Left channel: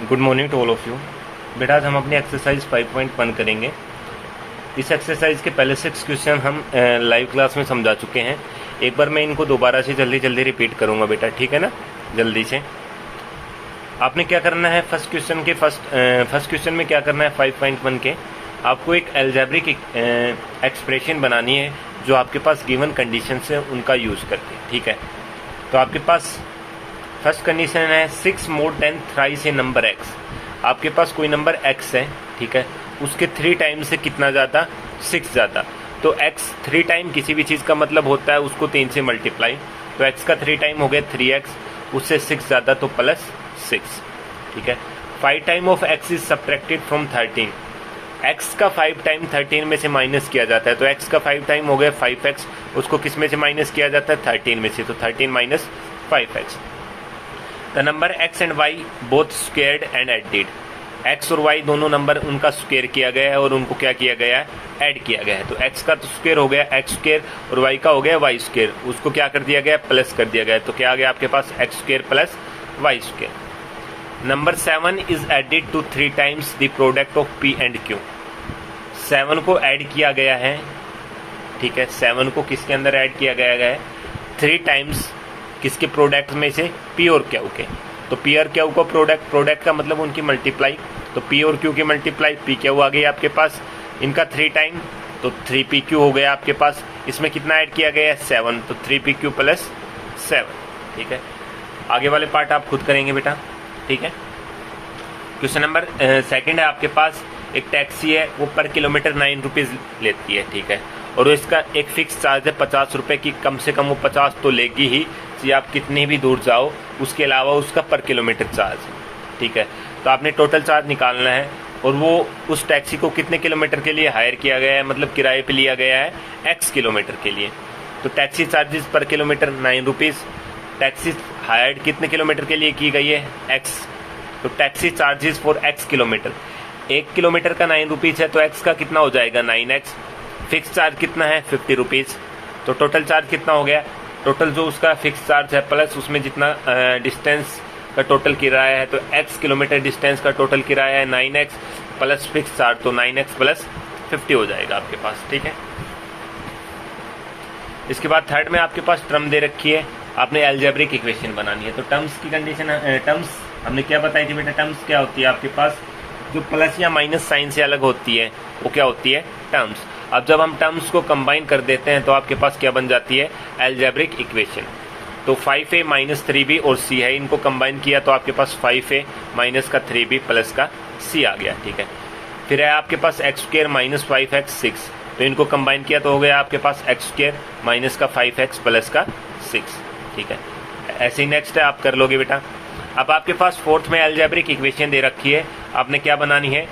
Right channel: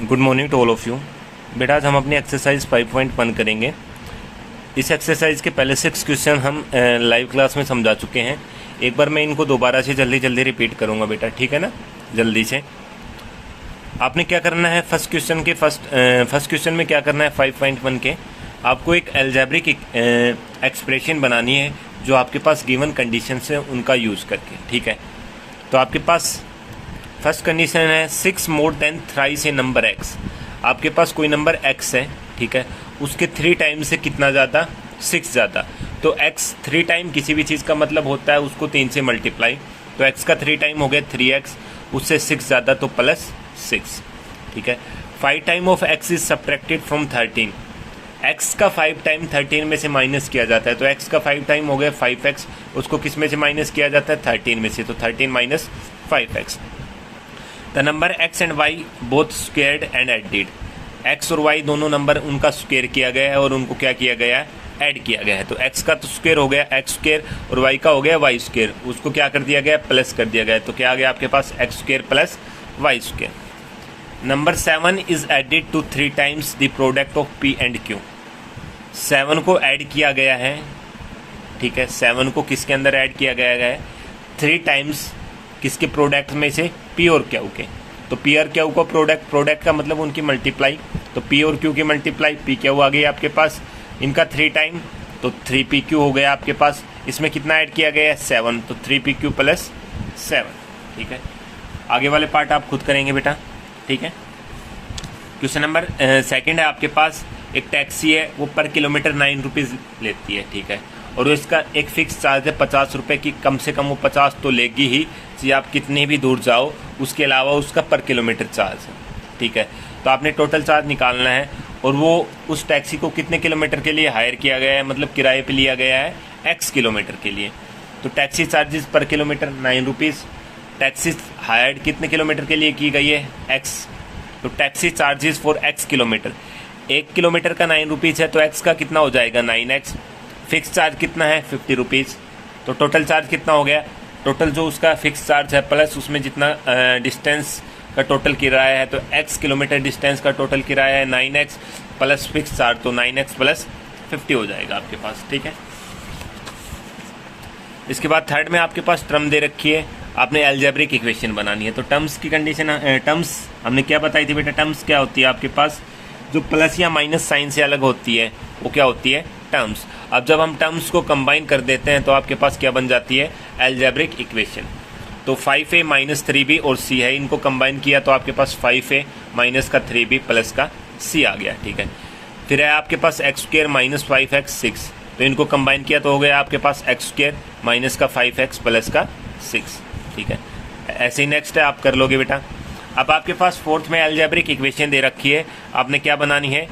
Good morning to all of you. बेटा आज हम अपनी एक्सरसाइज 5.1 करेंगे। इस एक्सरसाइज के पहले 6 क्वेश्चन हम लाइव क्लास में समझा चुके हैं। एक बार मैं इनको दोबारा से जल्दी जल्दी रिपीट करूंगा बेटा, ठीक है ना। जल्दी से आपने क्या करना है, फर्स्ट क्वेश्चन में क्या करना है 5.1 के आपको एक अलजेब्रिक एक्सप्रेशन बनानी है जो आपके पास गिवन कंडीशन है उनका यूज़ करके, ठीक है। तो आपके पास फर्स्ट कंडीशन है 6 मोर देन थ्राइस ए नंबर x। आपके पास कोई नंबर x है, ठीक है, उसके 3 टाइम से कितना ज़्यादा, 6 ज़्यादा। तो x 3 टाइम किसी भी चीज़ का मतलब होता है उसको 3 से मल्टीप्लाई। तो x का 3 टाइम हो गया 3x, उससे 6 ज़्यादा तो प्लस 6, ठीक है। 5 time of x is subtracted from 13। x का 5 टाइम 13 में से माइनस किया जाता है। तो x का 5 टाइम हो गया 5x, उसको किस में से माइनस किया जाता है 13 में से। तो 13 minus 5x। The number x and y both squared and added. x और y दोनों नंबर उनका स्क्वायर किया गया है और उनको क्या किया गया है, ऐड किया गया है। तो x का तो स्क्वायर हो गया x स्क्वायर और y का हो गया y स्क्वायर, उसको क्या कर दिया गया, प्लस कर दिया गया। तो क्या आ गया आपके पास x square plus y square. Number 7 is added to 3 times the product of p and q। 7 को ऐड किया गया है, ठीक है। 7 को किसके अंदर ऐड किया गया है, 3 टाइम्स किसके प्रोडक्ट में से, p और q के। तो p और q का प्रोडक्ट का मतलब उनकी मल्टीप्लाई। तो p और q की मल्टीप्लाई p q आ गई आपके पास, इनका 3 टाइम तो 3pq हो गया आपके पास। इसमें कितना ऐड किया गया है 7, तो 3pq प्लस 7, ठीक है। आगे वाले पार्ट आप खुद करेंगे बेटा, ठीक है। क्वेश्चन नंबर सेकंड है आपके पास, एक टैक्सी है वो पर किलोमीटर 9 रुपीज़ लेती है, ठीक है, और इसका एक फिक्स चार्ज है 50 रुपये की। कम से कम वो 50 तो लेगी ही, चाहे आप कितने भी दूर जाओ। उसके अलावा उसका पर किलोमीटर चार्ज है, ठीक है। तो आपने टोटल चार्ज निकालना है और वो उस टैक्सी को कितने किलोमीटर के लिए हायर किया गया है, मतलब किराए पे लिया गया है x किलोमीटर के लिए। तो टैक्सी चार्जेस पर किलोमीटर 9 रुपीज़। टैक्सी हायर्ड कितने किलोमीटर के लिए की गई है, x। तो taxi charges for x kilometre, 1 kilometre का 9 रुपीज़ है तो x का कितना हो जाएगा 9x। फिक्स चार्ज कितना है 50 रुपीज़। तो टोटल चार्ज कितना हो गया, टोटल जो उसका फिक्स चार्ज है प्लस उसमें जितना डिस्टेंस का टोटल किराया है, तो x किलोमीटर डिस्टेंस का टोटल किराया है 9x प्लस फिक्स चार्ज, तो 9x प्लस 50 हो जाएगा आपके पास, ठीक है। इसके बाद थर्ड में आपके पास टर्म दे रखी है, आपने अलजेब्रिक इक्वेशन बनानी है। तो टर्म्स की कंडीशन, टर्म्स हमने क्या बताई थी बेटा, टर्म्स क्या होती है आपके पास, जो प्लस या माइनस साइन से अलग होती है वो क्या होती है, टर्म्स। अब जब हम टर्म्स को कंबाइन कर देते हैं तो आपके पास क्या बन जाती है, अलजेब्रिक इक्वेशन। तो 5a माइनस 3b और c है, इनको कंबाइन किया तो आपके पास 5a माइनस का 3b प्लस का c आ गया, ठीक है। फिर है आपके पास x स्क्वायर माइनस 5x 6, तो इनको कंबाइन किया तो हो गया आपके पास x स्क्वायर माइनस का 5x प्लस का 6, ठीक है। ऐसे ही नेक्स्ट है आप कर लोगे बेटा। अब आपके पास फोर्थ में अलजेब्रिक इक्वेशन दे रखी है, आपने क्या बनानी है,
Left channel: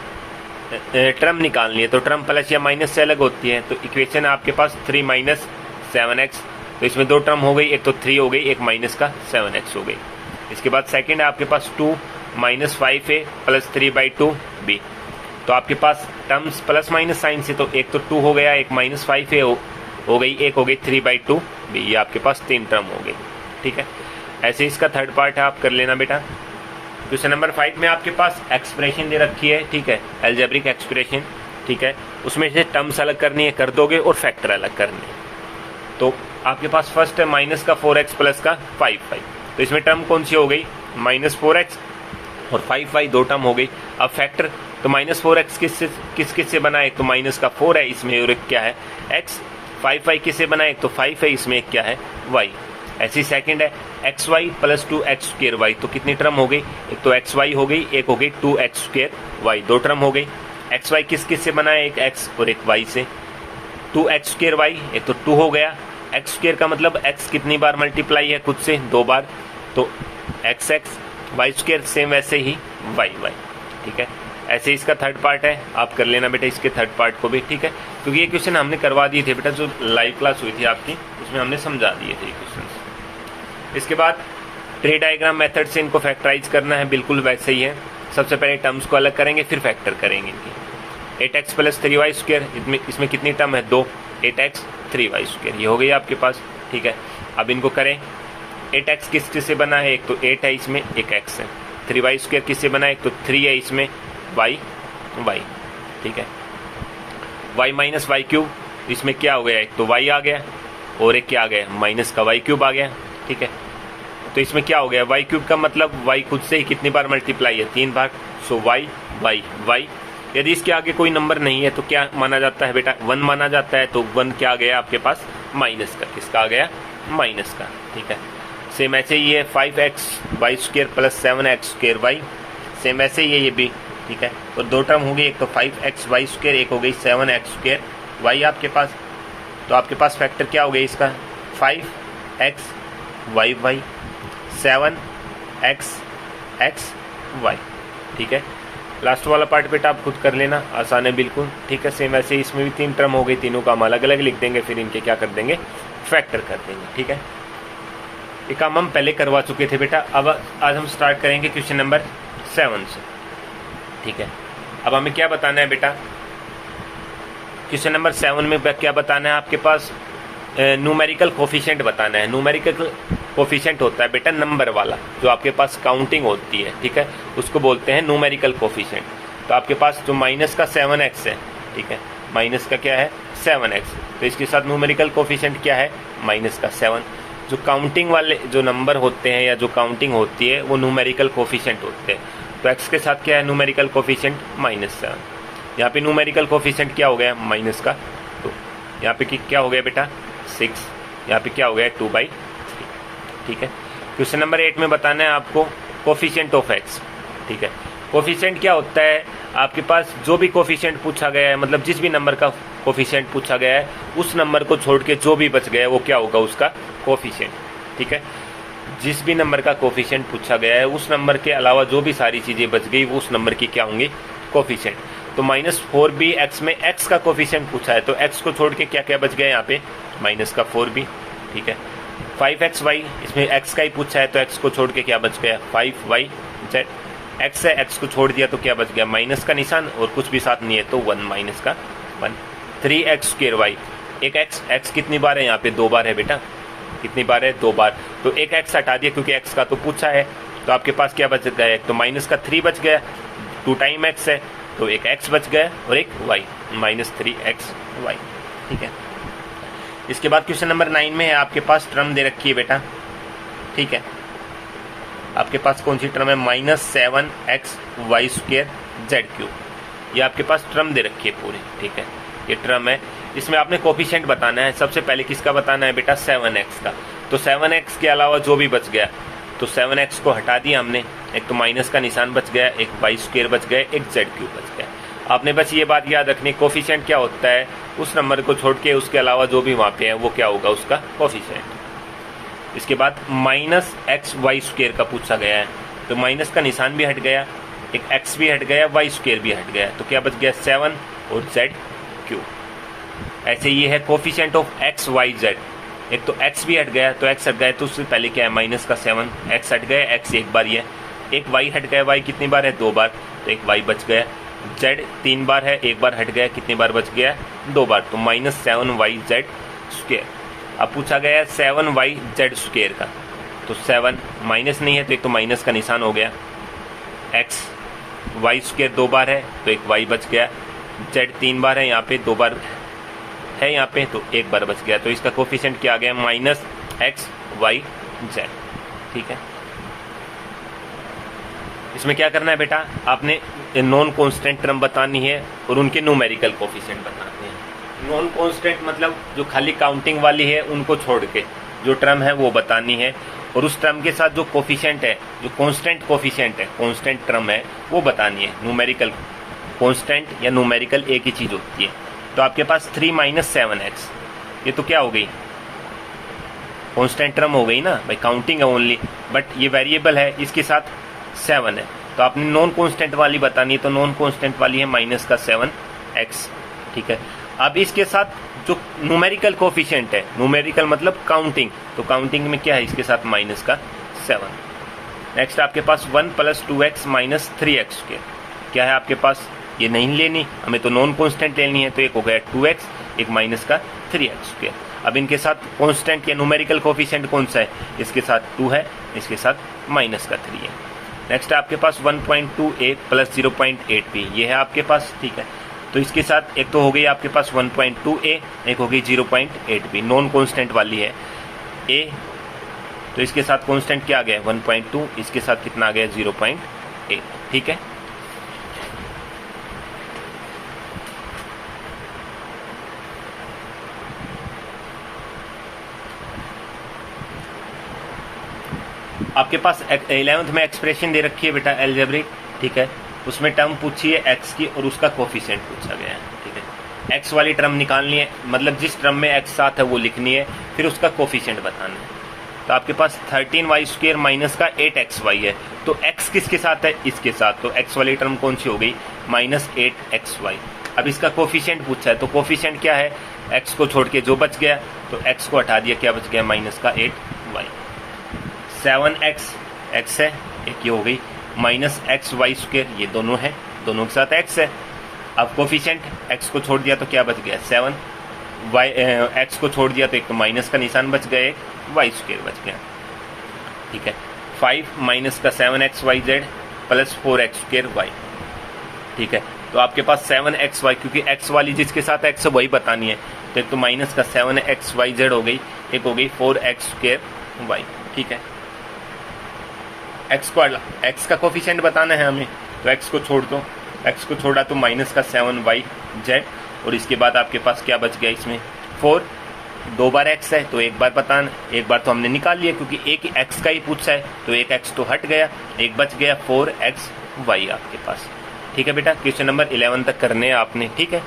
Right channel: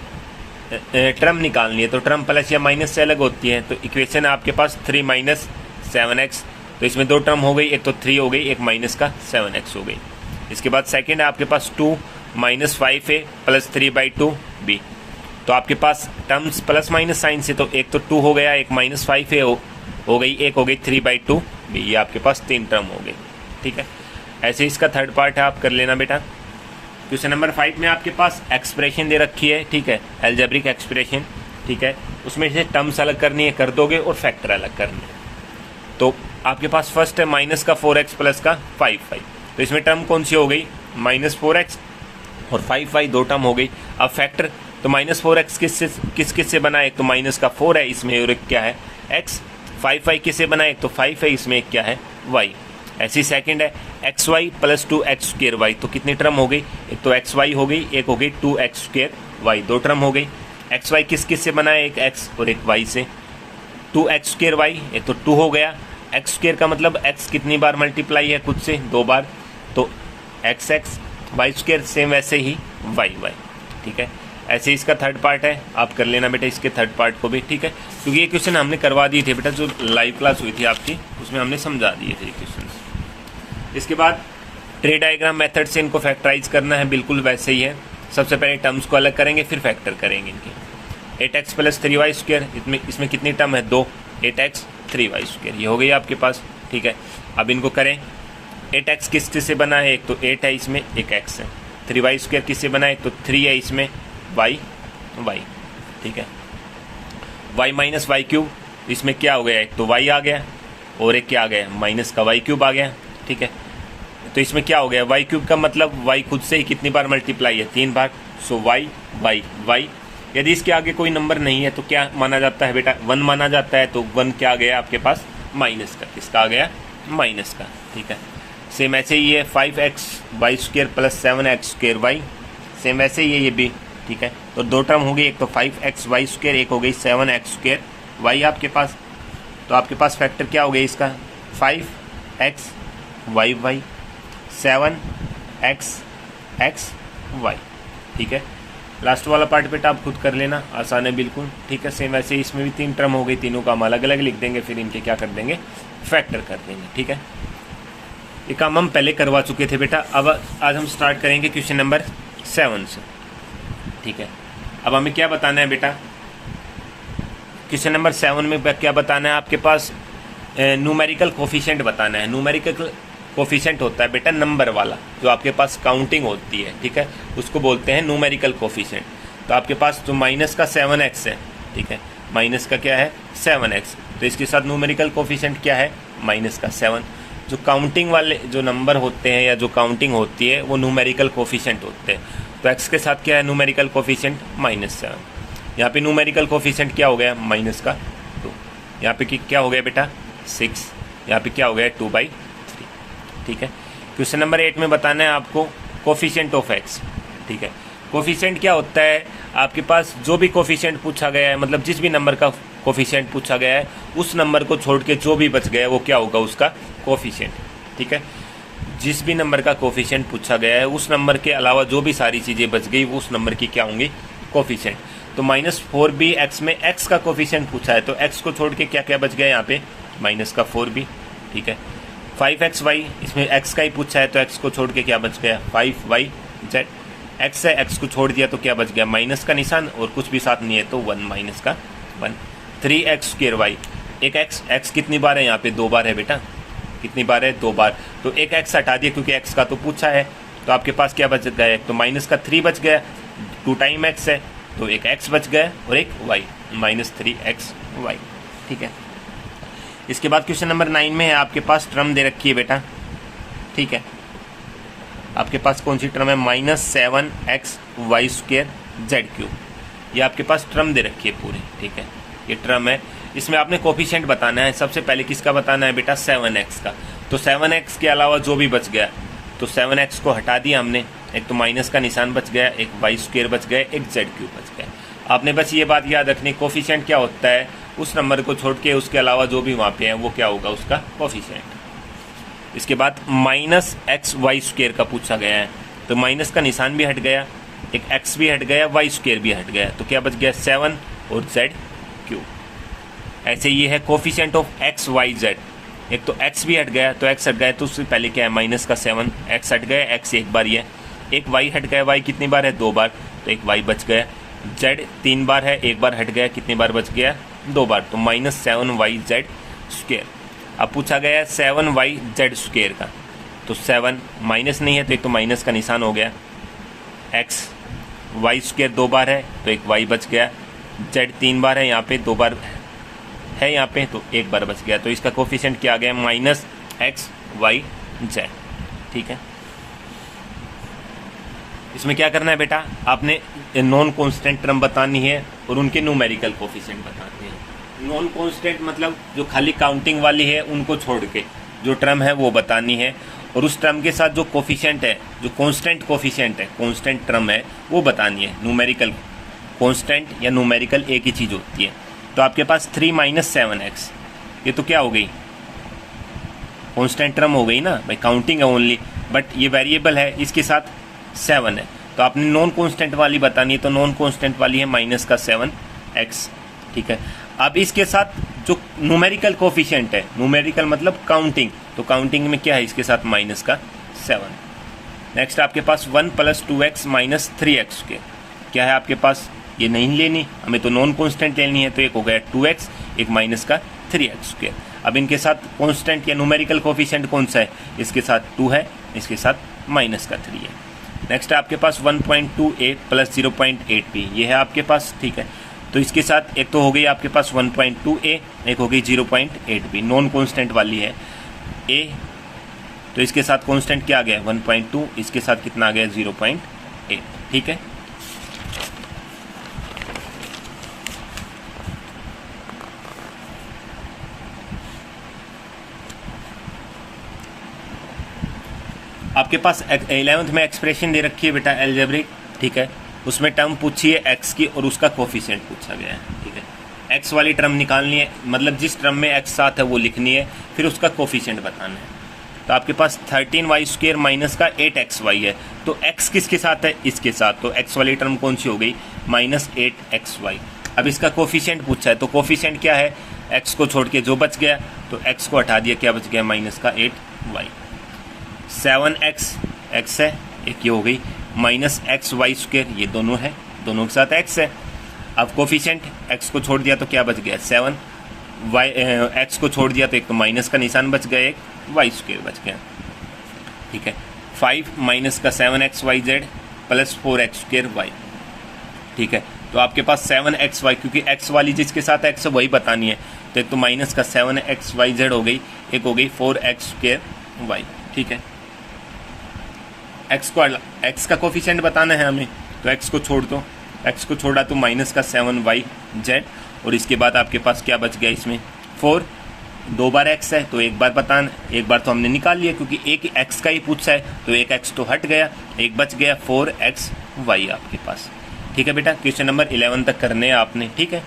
टर्म निकालनी है। तो टर्म प्लस या माइनस से अलग होती है। तो इक्वेशन है आपके पास 3 माइनस 7x, तो इसमें 2 टर्म हो गई, एक तो 3 हो गई, एक माइनस का 7x हो गई। इसके बाद सेकंड है आपके पास 2 माइनस 5a प्लस 3/2b। तो आपके पास टर्म्स प्लस माइनस साइन से, तो एक तो 2 हो गया, एक माइनस 5a हो गई, एक हो गई 3/2b। ये आपके पास 3 टर्म हो गई, ठीक है। ऐसे इसका थर्ड पार्ट है, आप कर लेना बेटा। क्वेश्चन नंबर 5 में आपके पास एक्सप्रेशन दे रखी है, ठीक है, अलजेब्रिक एक्सप्रेशन, ठीक है। उसमें से टर्म्स अलग करनी है, कर दोगे, और फैक्टर अलग करने। तो आपके पास फर्स्ट है माइनस का 4x प्लस का 5y। तो इसमें टर्म कौन सी हो गई, माइनस 4x और 5y 2 टर्म हो गई। अब फैक्टर, तो माइनस 4x किस से बना है, तो माइनस का 4 है इसमें और एक क्या है x। 5y किससे बना है, तो 5 है इसमें, एक क्या है y। ऐसी सेकंड है xy plus 2x square y। तो कितनी टर्म हो गई, एक तो xy हो गई, एक हो गई 2x स्क्वेयर y, 2 टर्म हो गई। xy किस से बना है, एक x और एक y से। 2x स्क्वेयर y, एक तो 2 हो गया, x स्क्वेयर का मतलब x कितनी बार मल्टीप्लाई है खुद से, 2 बार, तो xx, y स्क्वेयर सेम वैसे ही y, ठीक है। ऐसे इसका थर्ड पार्ट है, आप कर लेना बेटा इसके थर्ड पार्ट को भी, ठीक है, क्योंकि ये क्वेश्चन हमने करवा दिए थे बेटा, जो लाइव क्लास हुई थी आपकी उसमें हमने समझा दिए थे क्वेश्चन। इसके बाद ट्री डायग्राम मेथड से इनको फैक्टराइज करना है, बिल्कुल वैसे ही है। सबसे पहले टर्म्स को अलग करेंगे, फिर फैक्टर करेंगे। 8x प्लस 3y स्क्वायर, इसमें कितनी टर्म है, 2, 8x 3y स्क्वायर, ये हो गई आपके पास, ठीक है। अब इनको करें, 8x किस से बना है, एक तो 8 है इसमें, एक x है, 3y² किससे बना है? तो 3 है इसमें, y, ठीक है। y माइनस y³ इसमें क्या हो गया? एक तो y आ गया और एक क्या आ गया? माइनस का y³ आ गया, ठीक है। तो इसमें क्या हो गया? y³ का मतलब y खुद से ही कितनी बार मल्टीप्लाई है? 3 बार। सो y यदि इसके आगे कोई नंबर नहीं है तो क्या माना जाता है बेटा? 1 माना जाता है। तो 1 क्या आ गया आपके पास? माइनस का। किसका आ गया? माइनस का, ठीक है। सेम ऐसे ही है 5xy² प्लस 7x²y, सेम ऐसे ही है ये भी, ठीक है। तो दो टर्म हो गई, एक तो 5xy², एक हो गई 7x²y आपके पास। तो आपके पास फैक्टर क्या हो गया इसका? 5xy 7xy, ठीक है। लास्ट वाला पार्ट बेटा आप खुद कर लेना, आसान है बिल्कुल, ठीक है। सेम ऐसे इसमें भी 3 टर्म हो गई, तीनों का हम अलग अलग लिख देंगे, फिर इनके क्या कर देंगे? फैक्टर कर देंगे, ठीक है। ये काम हम पहले करवा चुके थे बेटा। अब आज हम स्टार्ट करेंगे क्वेश्चन नंबर 7 से, ठीक है। अब हमें क्या बताना है बेटा? क्वेश्चन नंबर 7 में क्या बताना है आपके पास? न्यूमेरिकल कोफिशिएंट बताना है। न्यूमेरिकल कोफिशिएंट होता है बेटा नंबर वाला, जो आपके पास काउंटिंग होती है, ठीक है, उसको बोलते हैं न्यूमेरिकल कोफिशिएंट। तो आपके पास जो माइनस का 7x है, ठीक है, माइनस का क्या है? 7x। तो इसके साथ न्यूमेरिकल कोफिशिएंट क्या है? माइनस का 7। जो काउंटिंग वाले जो नंबर होते हैं या जो काउंटिंग होती है वो न्यूमेरिकल कोफिशिएंट होते हैं। तो x के साथ क्या है न्यूमेरिकल कोफिशिएंट? -7। यहाँ पे न्यूमेरिकल कोफिशिएंट क्या हो गया? माइनस का 2। यहाँ पे क्या हो गया बेटा? 6। यहाँ पे क्या हो गया? 2/3, ठीक है। क्वेश्चन नंबर 8 में बताना है आपको कोफिशिएंट ऑफ x, ठीक है। कोफिशिएंट क्या होता है? आपके पास जो भी कोफिशिएंट पूछा गया है, मतलब जिस भी नंबर का कोफिशिएंट पूछा गया है, उस नंबर को छोड़ के जो भी बच गया है वो क्या होगा? उसका कोफिशिएंट, ठीक है। जिस भी नंबर का कोफिशिएंट पूछा गया है, उस नंबर के अलावा जो भी सारी चीजें बच गई वो उस नंबर की क्या होंगी? कोफिशिएंट। तो -4b x में x का कोफिशिएंट पूछा है, तो x को छोड़ के क्या क्या बच गया यहाँ पे? -4b, ठीक है। 5xy इसमें x का ही पूछा है, तो x को छोड़ के क्या बच गया? 5yz। x है, x को छोड़ दिया तो क्या बच गया? माइनस का निशान, और कुछ भी साथ नहीं है तो 1 माइनस का 1। 3x²y, एक x कितनी बार है यहाँ पे? 2 बार है बेटा। कितनी बार है? 2 बार। तो एक x हटा दिया क्योंकि x का तो पूछा है, तो आपके पास क्या बच गया? एक तो माइनस का 3 बच गया, 2 टाइम x है तो एक x बच गया और एक y, -3xy, ठीक है। इसके बाद क्वेश्चन नंबर 9 में है आपके पास टर्म दे रखी है बेटा, ठीक है। आपके पास कौन सी टर्म है? -7xy²z³। ये आपके पास टर्म दे रखी है पूरी, ठीक है, ये टर्म है। इसमें आपने कोफिशिएंट बताना है। सबसे पहले किसका बताना है बेटा? 7x का। तो 7x के अलावा जो भी बच गया, तो 7x को हटा दिया हमने, एक तो माइनस का निशान बच गया, एक y² बच गया, एक z³ बच गया। आपने बस ये बात याद रखनी, कोफिशिएंट क्या होता है? उस नंबर को छोड़ के उसके अलावा जो भी वहाँ पे है वो क्या होगा? उसका कोफिशिएंट। इसके बाद -xy² का पूछा गया है, तो माइनस का निशान भी हट गया, एक x भी हट गया, y² भी हट गया, तो क्या बच गया? 7 और z³। ऐसे ये है coefficient of x y z। एक तो x भी हट गया, तो x हट गया तो उससे पहले क्या है? माइनस का 7, x हट गया, x एक बार ही है, एक y हट गया, y कितनी बार है? 2 बार, तो एक y बच गया। z 3 बार है, एक बार हट गया, कितनी बार बच गया? 2 बार, तो -7yz²। अब पूछा गया है 7yz² का, तो 7 माइनस नहीं है तो एक तो माइनस का निशान हो गया, x y² 2 बार है तो एक y बच गया, z 3 बार है यहाँ पे, 2 बार है यहाँ पे तो एक बार बच गया। तो इसका कोफिशिएंट क्या आ गया? -xyz, ठीक है। इसमें क्या करना है बेटा? आपने नॉन कांस्टेंट टर्म बतानी है और उनके न्यूमेरिकल कोफिशिएंट बताने हैं। नॉन कांस्टेंट मतलब जो खाली काउंटिंग वाली है उनको छोड़ के जो टर्म है वो बतानी है, और उस टर्म के साथ जो कोफिशिएंट है, जो कांस्टेंट कोफिशिएंट है, कांस्टेंट टर्म है, वो बतानी है। न्यूमेरिकल कांस्टेंट या न्यूमेरिकल एक ही चीज होती है। तो आपके पास 3 - 7x, ये तो क्या हो गई? कांस्टेंट टर्म हो गई ना भाई, काउंटिंग है ओनली, बट ये वेरिएबल है, इसके साथ 7 है, तो आपने नॉन कांस्टेंट वाली बतानी है, तो नॉन कांस्टेंट वाली है -7x, ठीक है। अब इसके साथ जो न्यूमेरिकल कोफिशिएंट है, न्यूमेरिकल मतलब काउंटिंग, तो काउंटिंग में क्या है? इसके साथ -7। नेक्स्ट आपके पास 1 + 2x - 3x², क्या है आपके पास? ये नहीं लेनी हमें, तो नॉन कांस्टेंट लेनी है, तो एक हो गया 2x, एक -3x²। अब इनके साथ कांस्टेंट या न्यूमेरिकल कोफिशिएंट कौन सा है? इसके साथ 2 है, इसके साथ -3 है। नेक्स्ट आपके पास 1.2a प्लस 0.8b, ये है आपके पास, ठीक है। तो इसके साथ एक तो हो गई आपके पास 1.2a, एक हो गई 0.8b, नॉन कांस्टेंट वाली है a, तो इसके साथ कांस्टेंट क्या आ गया 1.2, इसके साथ कितना आ गया 0.8, ठीक है। आपके पास 11th में एक्सप्रेशन दे रखी है बेटा एल्जेब्रिक, ठीक है। उसमें टर्म पूछी है x की और उसका कोफिशिएंट पूछा गया है, ठीक है। x वाली टर्म निकालनी है, मतलब जिस टर्म में x साथ है वो लिखनी है, फिर उसका कोफिशिएंट बताना है। तो आपके पास 13y² माइनस का 8xy है, तो x किसके साथ है, इसके साथ, तो x वाली टर्म कौन सी हो गई -8xy। अब इसका कोफिशिएंट पूछा है, तो कोफिशिएंट क्या है, x को छोड़ के जो बच गया, तो x को हटा दिया, क्या बच गया -8y। 7x x है, एक ये हो गई -xy², ये दोनों है, दोनों के साथ x है। अब कोफिशिएंट x को छोड़ दिया तो क्या बच गया 7, x को छोड़ दिया तो एक तो माइनस का निशान बच गया, एक y² बच गया, ठीक है। 5 माइनस का 7xyz प्लस 4x²y, ठीक है। तो आपके पास 7xy, क्योंकि x वाली जिसके साथ x है वही बतानी है, तो एक तो माइनस का 7xyz हो गई, एक हो गई 4x²y, ठीक है। x का कोफिशिएंट बताना है हमें, तो x को छोड़ दो, x को छोड़ा तो माइनस का 7yz, और इसके बाद आपके पास क्या बच गया इसमें 4, 2 बार x है तो एक बार बताना, एक बार तो हमने निकाल लिया क्योंकि एक x का ही पूछा है, तो एक x तो हट गया, एक बच गया 4xy आपके पास, ठीक है बेटा। क्वेश्चन नंबर 11 तक करने हैं आपने, ठीक है।